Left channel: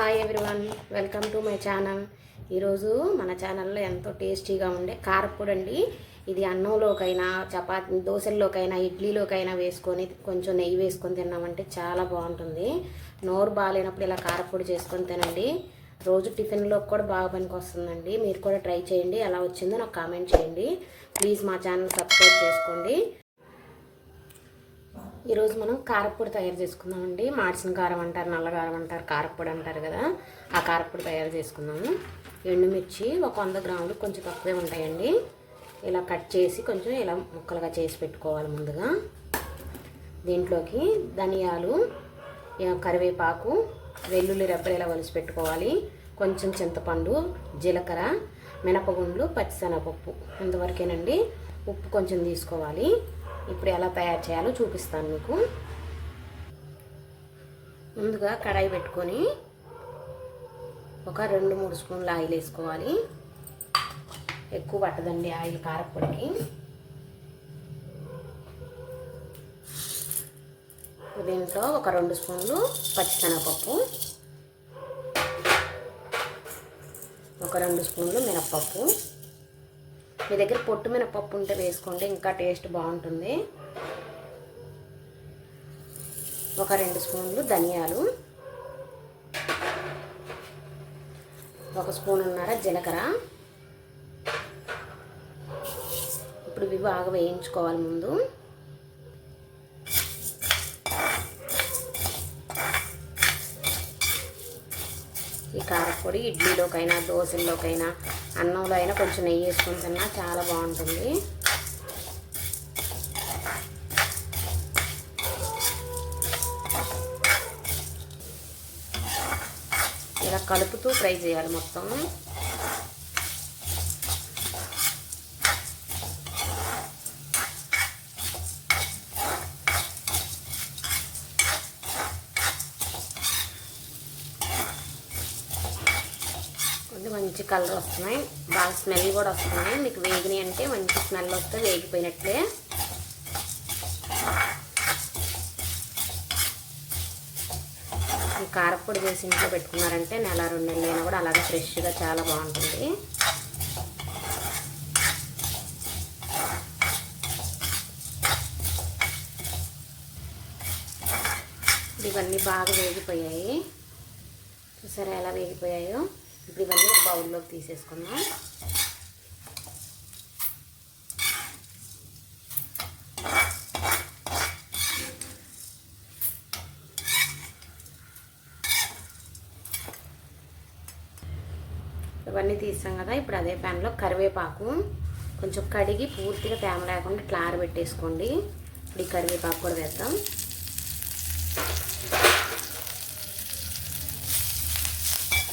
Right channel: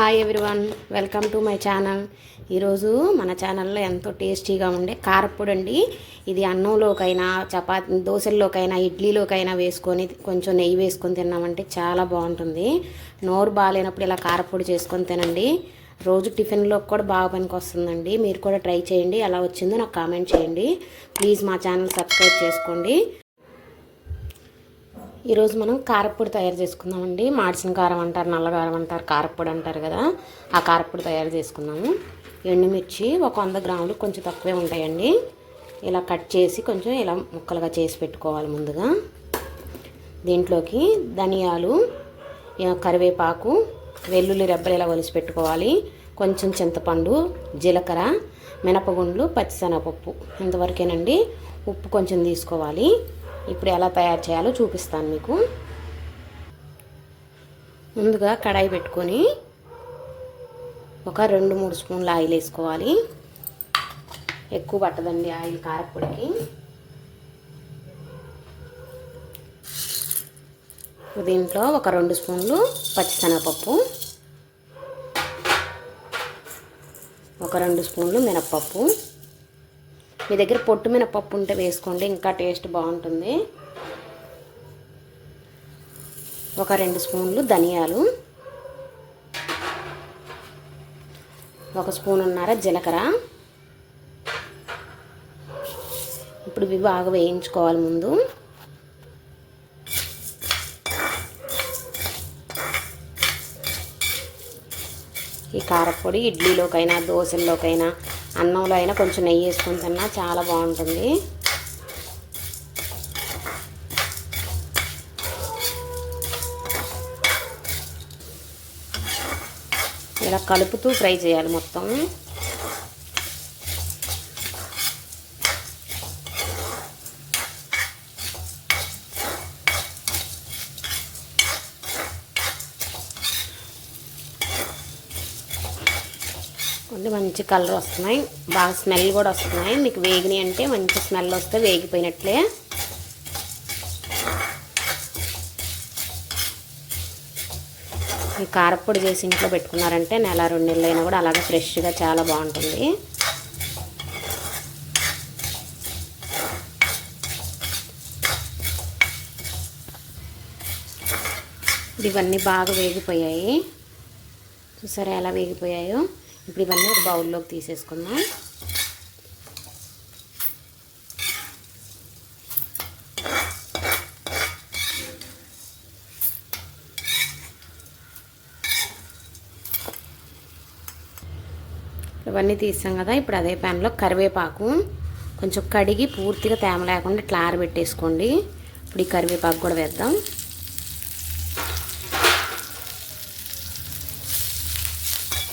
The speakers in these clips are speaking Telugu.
Hi everyone, welcome to my channel. ఈరోజు మన ఛానల్లో ఎంతో టేస్టీగా ఉండే కారప్పొడి అండి. ఇది అన్నంలోకైనా, చపాతీ, దోశల్లోకైనా, ఇడ్లీలోకైనా వేసుకొని కొంచెం నెయ్యి వేసుకొని తిన్నామంటే చాలా బాగుంటుంది. నోరు బాగాలేనప్పుడు ఇలా కారప్పొడి చేసుకొని తినండి. రోజు టిఫిన్లోకి కూడా బాగా పనికి వస్తుందండి. మీరు కూడా ట్రై చేయండి. ఎలా వచ్చిందో నాకు కామెంట్ చేయండి. ప్లీజ్ మా ఛానల్ సబ్స్క్రైబ్ చేసుకోండి. ఈరోజు మనం కారప్పొడి తయారు చేసుకుందామండి. మాడిసిన కారం అంటారు, నల్లకారం అంటారు, కారప్పొడి అంటారు కదా. ఆ కారప్పొడి తయారు చేసుకుందాము. ఎండుమిర్చి ఒక 100 గ్రాములు, కొంచెం తక్కువే ఉంటాయండి. ఇలా కట్ చేసి కొంచెం ఇలా ముక్కలుగా చేసి పెట్టుకోవాలి ముందుగా. దీంట్లోకి ధనియాలు, కరివేపాకు, వెల్లుల్లి రెబ్బలు ఇలా ఒలిసి పెట్టుకోవాలి. కొంచెం చింతపండు, జీలకర్ర, మినపగుండ్లు, పచ్చిశనగపప్పు, ఇంతవరకేనండి. ఉప్పు కొంచెం తీసుకోవాలి. ఇప్పుడు ఎలా తయారు చేయాలో చూపిస్తాను మీకు. ముందుగా కడాయి పెట్టుకొని ఒక 2-3 స్పూన్ల ఆయిల్ వేసుకోవాలి. ఎక్కువ పట్టదండి ఆయిల్ కారప్పొడికి. దీంట్లో ఒక 2 స్పూన్లు పచ్చిశనగపప్పు, ఒక 2 స్పూన్లు మినప్పప్పు. మీ దగ్గర పొట్టు మినపప్పు ఉంటే వేసుకోండి, ఇంకా టేస్ట్ బాగుంటుంది. ఒక 2 స్పూన్లు ధనియాలు, 1 స్పూనున్నర జీలకర్ర. ఇప్పుడు ఇవి బాగా వేయించుకోవాలి ముందు. ఈ కారప్పొడి ఇడ్లీలోకైనా, దోశల్లోకైనా, అన్నంలో అయినా కొంచెం నెయ్యి వేసుకొని తిన్నా చాలా బాగుంటుంది. ఇలా కలుపుతూ ఫ్రై చేయాలి మొత్తం. మంచి కలర్ వస్తున్నాయి, బాగా స్మెల్ కూడా వస్తున్నాయి. మీకు వేగిని అంటే మంచి స్మెల్ వస్తే వేగిపోయినట్లే. ఈ కారప్పొడి చేసి ఇంట్లో పెట్టుకున్నారంటే 1-2 నెలలైనా కూడా అలాగే ఫ్రెష్గా చాలా బాగుంటుంది. ఇవన్నీ బాగా వేగిపోయాయి, చూసారా ఎలా వేగిపోయాయో. ఇప్పుడు ఇవన్నీ ఒక బౌల్లోకి తీసేసుకుందాం. ఇవన్నీ తీసాం కదా. ఇప్పుడు అదే ప్యాన్లో కరివేపాకు కొంచెం కడిగి పూర్తిగా తేమ లేకుండా ఇట్లా ఆరబెట్టేసుకోండి. ఇప్పుడు ఈ కరివేపాకు కూడా వేద్దాం.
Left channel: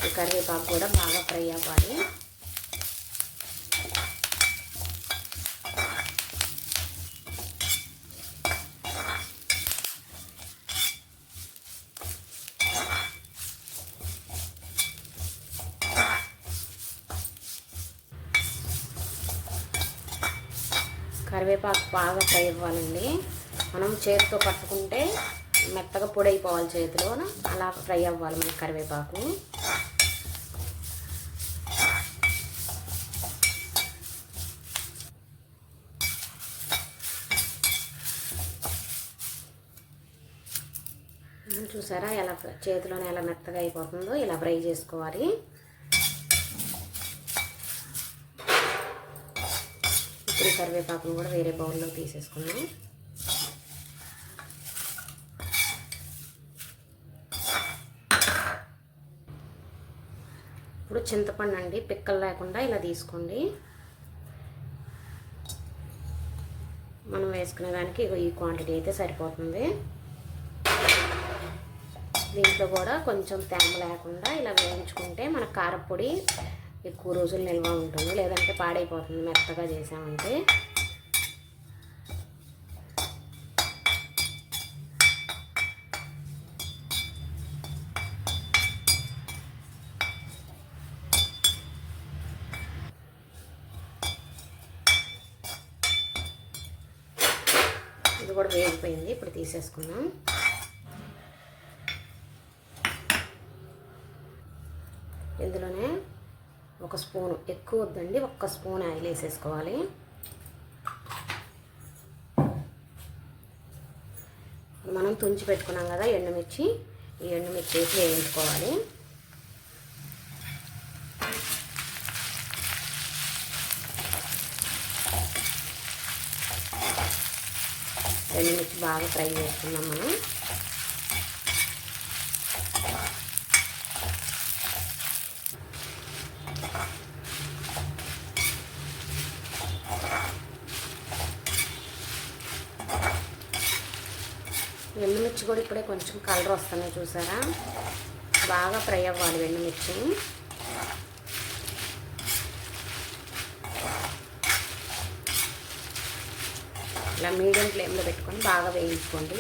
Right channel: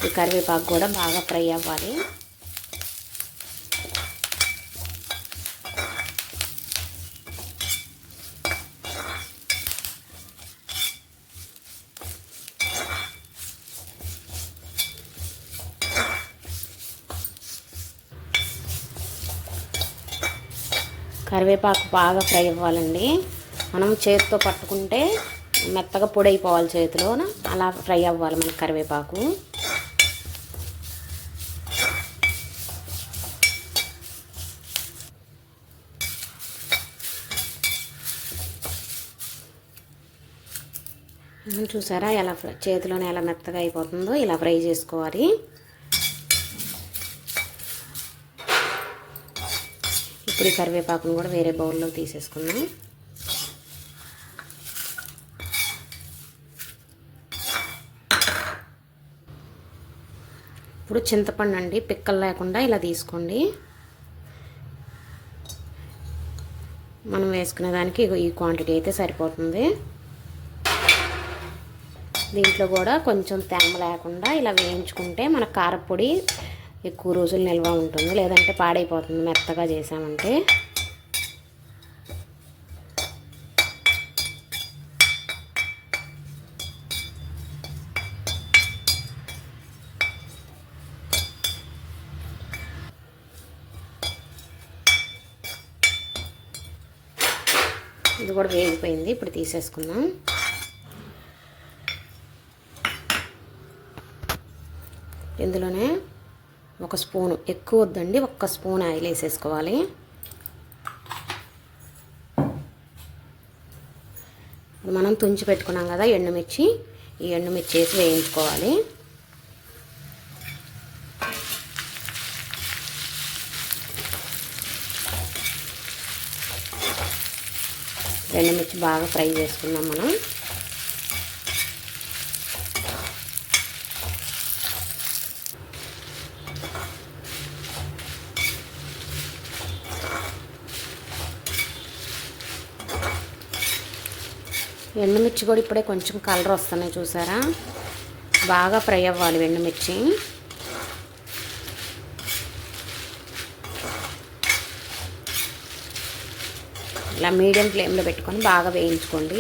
ఈ కరివేపాకు కూడా బాగా ఫ్రై అవ్వాలి. కరివేపాకు బాగా ఫ్రై అవ్వాలండి. మనం చేతితో పట్టుకుంటే మెత్తగా పొడి అయిపోవాలి చేతిలో, అలా ఫ్రై అవ్వాలి మనకి కరివేపాకు. చూసారా ఎలా చేతిలోనే ఎలా మెత్తగా అయిపోతుందో, ఇలా ఫ్రై చేసుకోవాలి. ఇప్పుడు ఈ కరివేపాకును కూడా వేరే బౌల్లో తీసేసుకుందాం. ఇప్పుడు చింతపండు అండి, పిక్కలు లేకుండా ఇలా తీసుకోండి. మనం వేసుకునే దానికి ఈ క్వాంటిటీ అయితే సరిపోతుంది. దీంట్లో కూడా కొంచెం తేమ లేకుండా ఇలా వేయించుకుంటే మన కారప్పొడి ఎక్కువ రోజులు నిల్వ ఉంటుంది, లేదంటే పాడైపోతుంది మెత్తగా చేసామంటే. ఇది కూడా వేగిపోయింది, ఇప్పుడు తీసేసుకుందాం. ఇందులోనే ఒక స్పూను, ఎక్కువ వద్దండి, ఒక్క స్పూన్ ఆయిల్ వేసేసుకోవాలి. మనం తుంచి పెట్టుకున్నాం కదా ఎండుమిర్చి, ఈ ఎండుమిర్చి వేసి వేయించుకోవాలి. ఎండుమిర్చి బాగా ఫ్రై చేసుకుందాం మనం. ఎండుమిర్చి కూడా ఇప్పుడే కొంచెం కలర్ వస్తున్నాయి చూసారా, బాగా ఫ్రై అవ్వాలి ఎండుమిర్చి. ఇలా మీడియం ఫ్లేమ్లో పెట్టుకొని బాగా వేయించుకోండి.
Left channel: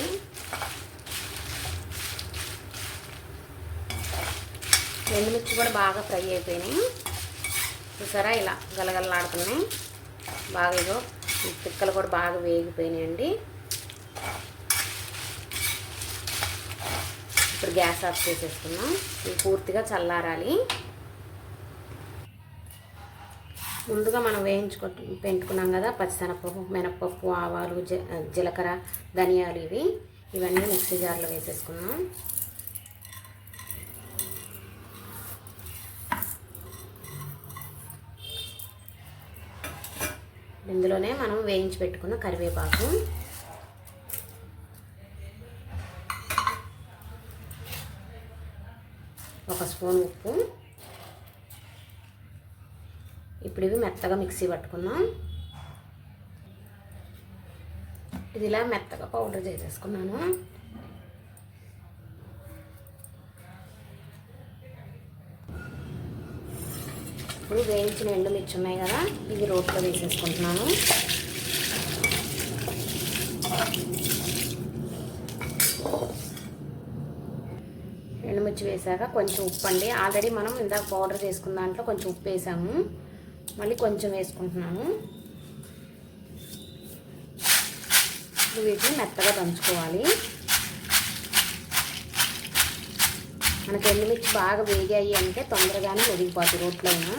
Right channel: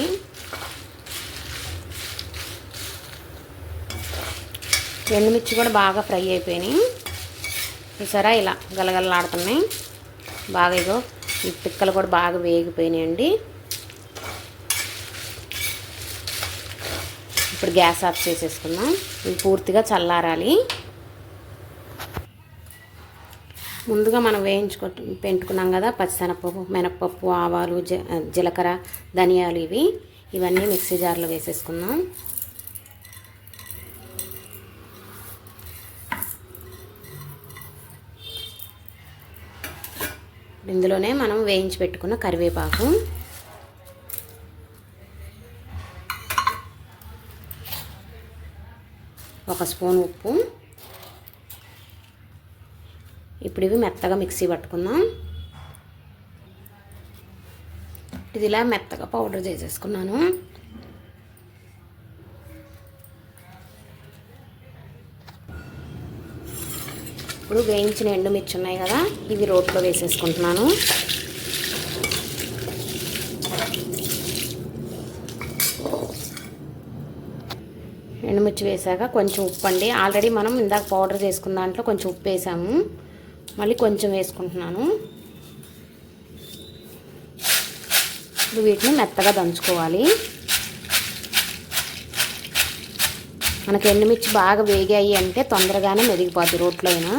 ఎండుమిర్చి కూడా బాగా ఫ్రై అయిపోయినాయి చూసారా, ఇలా గలగలలాడుతున్నాయి బాగా. ఇగో ఈ పిక్కలు కూడా బాగా వేగిపోయినాయండి. ఇప్పుడు గ్యాస్ ఆఫ్ చేసేసుకున్నాం. ఇవి పూర్తిగా చల్లారాలి. ముందుగా మనం పెట్టుకున్నాం కదా పచ్చిశనగపప్పు, మినపప్పు, ఆవాలు, జీలకర్ర, ధనియాలు, ఇవన్నీ మిక్సీ జార్లో వేసేసుకున్నాం. ఇందులోనే మనం వేయించి పెట్టుకున్న కరివేపాకు, ఒక స్పూన్ ఉప్పు. ఇప్పుడు ఇవి మెత్తగా మిక్సీ పట్టుకుందాం. ఇది ఇలా మెత్తగా పౌడర్ చేసేసుకున్నాను. ఇప్పుడు వేయించిన ఎండుమిర్చి ఉన్నాయి కదా, ఇవి రోట్లో వేసేసుకుంటున్నాను. ఎండుమిర్చి వేసాక కొంచెం ఉప్పు అండి, ఆల్రెడీ మనం ఇందాక పౌడర్ చేసుకున్న దాంట్లో కొంచెం ఉప్పు వేసాము, మళ్ళీ కొంచెం వేసుకుంటున్నాను. వీటిని మెత్తగా దంచుకోవాలి. మనకి ఎండుమిర్చి బాగా వేగాయి అంటే తొందరగానే మెదిగిపోద్ది రోట్లో అయినా.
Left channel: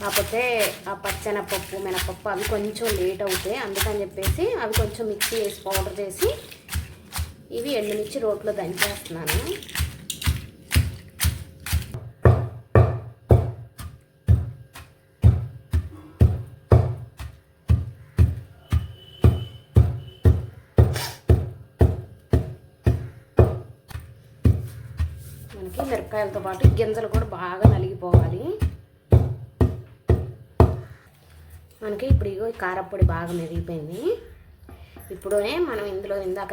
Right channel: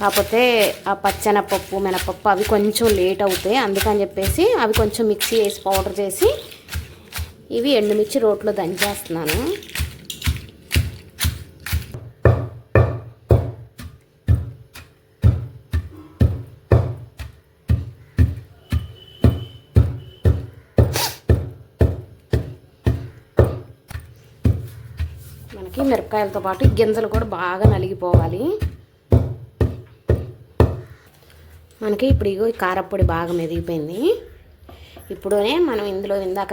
కాకపోతే ఆ పచ్చెనపప్పు, మినపప్పు అవి కొంచెం లేట్ అవుతాయి, అందుకని చెప్పేసి అవి కొంచెం మిక్సీ వేసి పౌడర్ చేసి ఇవి ఎండుమిర్చి రోట్లో దంచేస్తున్నాను. మనకి మిరపకాయలతో పాటు గింజలు కూడా బాగా నలిగిపోవాలి. మనకి ఇప్పుడు ఇగో కారపొడి బాగా మెదిగిపోయింది. ఇప్పుడునే మనం ఇందులో ఇందాక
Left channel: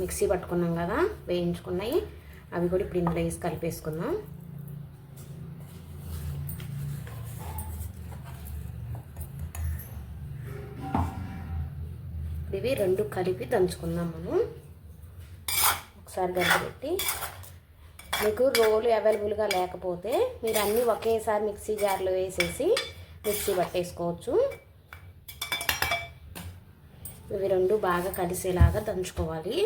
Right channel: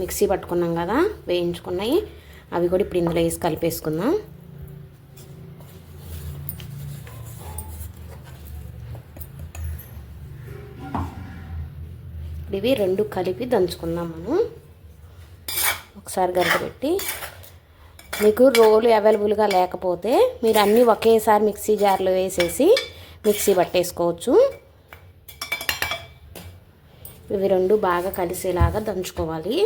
మిక్సీ పట్టుకున్నాం కదా వేయించుకున్నాయి, అవి కూడా ఇప్పుడు ఇందులో వేసి కలిపేసుకుందాం. ఇవి రెండు కలిపి దంచుకుందాం మనం. ఒకసారి గరిట పెట్టి, మీకు రోలు అవైలబుల్గా లేకపోతే మీరు అన్నీ ఒకేసారి మిక్సీ జార్లో వేసేసి మిక్సీ పట్టేసుకోవచ్చు. ఇవి రెండు బాగా కలిసేలాగా దంచుకోవాలి.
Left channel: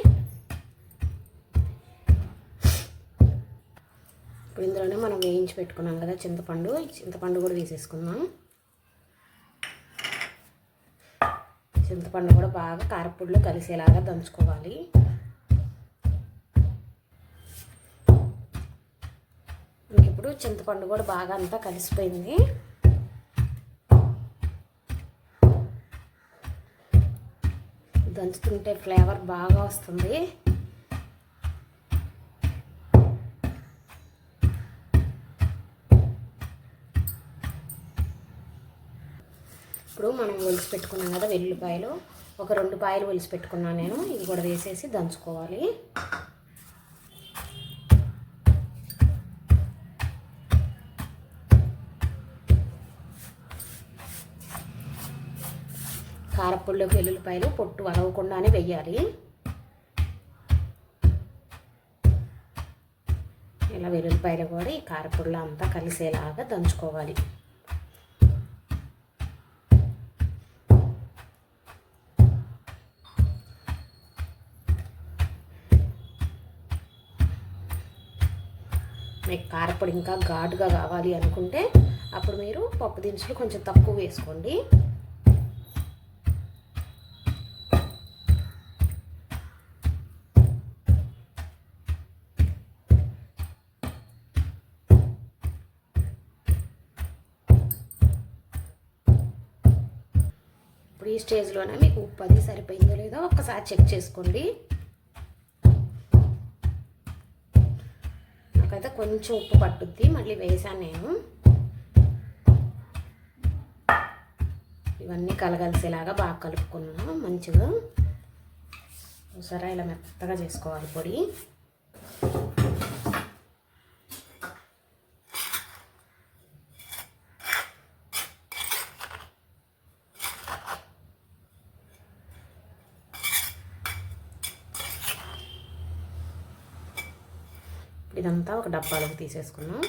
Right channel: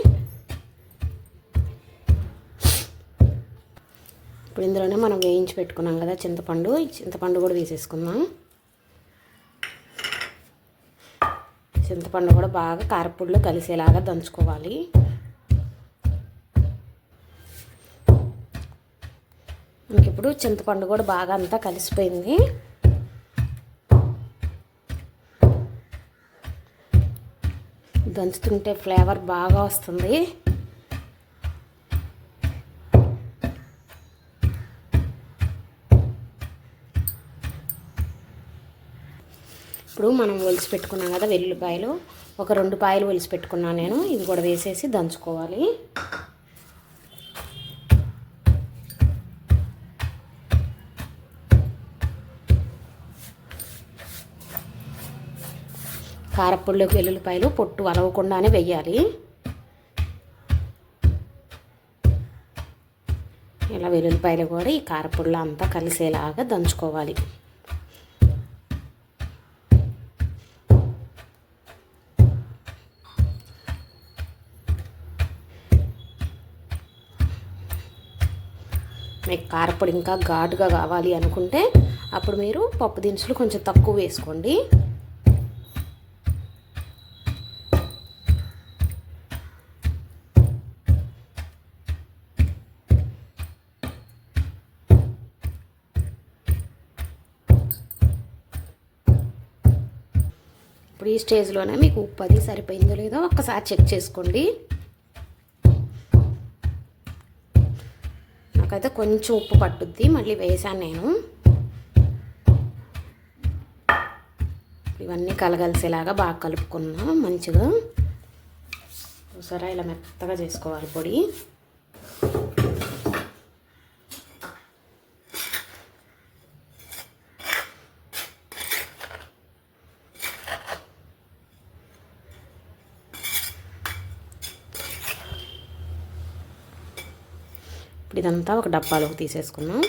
ఇప్పుడు ఇందులోనే మనం వేయించి పెట్టుకున్నాం కదా చింతపండు కూడా వేసేసుకుందాం. చింతపండు కూడా బాగా కారపొడిలో కలిసేలాగా దంచుకోవాలి. ఇప్పుడు చింతపండు కూడా బాగా అంతా కలిసిపోయింది. దంచుతుంటే ఫ్లేవర్ బాగా వస్తుంది. ఇప్పుడు మనం ఒలిసి పెట్టుకున్నాం కదా వెల్లుల్లిపాయలు, ఒక 2 పాయలు ఒలిసి పెట్టుకున్నాను నేను, ఇవి కూడా వేసేసి దంచుకోవాలి. కారపొడిలోకి వెల్లుల్లిపాయలు పొట్టు అరవకుండానే వెయ్యాలి. ఇలా వెల్లుల్లిపాయలు కూడా ఈ కారపొడిలో అంతా కలిసేలాగా దంచుకోవాలి. మీకు కారపొడి ఇంకా ఘాటుగా కావాలి అనుకుంటే అప్పుడు మీరు పప్పు దినుసులు కొంచెం తక్కువ వేసుకోండి. ఇప్పుడు ఈ స్టేజ్లోనే మీకు ఉప్పు అది సరిపోయిందో లేదో ఒక్కసారి చెక్ చేసుకోండి. నాకైతే కొంచెం ఉప్పు పట్టుద్ది, మళ్ళీ వేసాను నేను. ఇవన్నీ కలగలిసేలాగా బాగా కలుపుకున్నాం మంచిగా. ఒకసారి ఇలా మెత్తగా చేసుకోవాలి పొడి. ఇదంతా ఒక డబ్బాలోకి తీసేసుకున్నాం.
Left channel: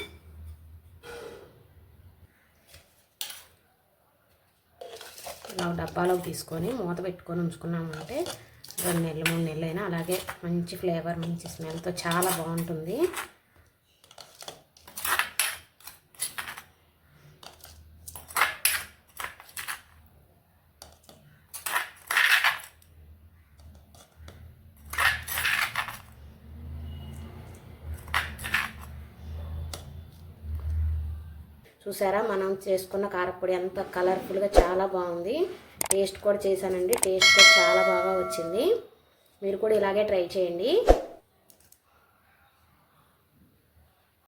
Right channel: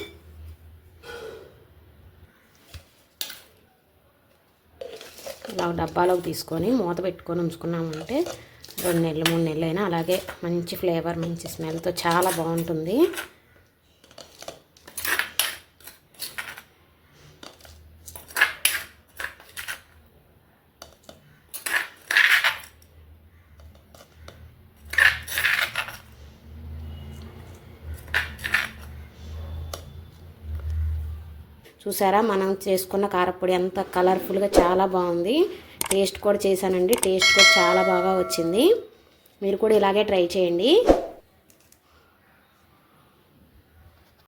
ఇలా డబ్బాలోకి తీసుకొని మూత పెట్టుకొని ఉంచుకున్నామంటే 2 నెలలు 3 నెలలు అయినా అలాగే మంచి ఫ్లేవర్ మంచి స్మెల్తో చాలా బాగుంటుంది. చూసారా మనం చేసుకున్న కారపొడి అంత కలర్ఫుల్గా చాలా బాగుంది. టేస్ట్ కూడా చేశానండి, టేస్ట్ కూడా చాలా బాగా వచ్చింది. మీరు కూడా ఇలాగే ట్రై చేయండి.